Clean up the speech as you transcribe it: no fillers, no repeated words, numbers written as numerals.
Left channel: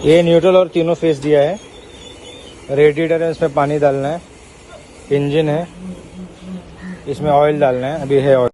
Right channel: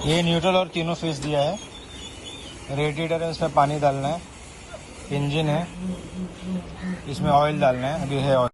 ये न्यूट्रल और तीनों फेस दिया है। रेडिएटर है, इसमें पानी डालना है। इंजन है, इसमें ऑयल डालना है। अभी है ऑयल।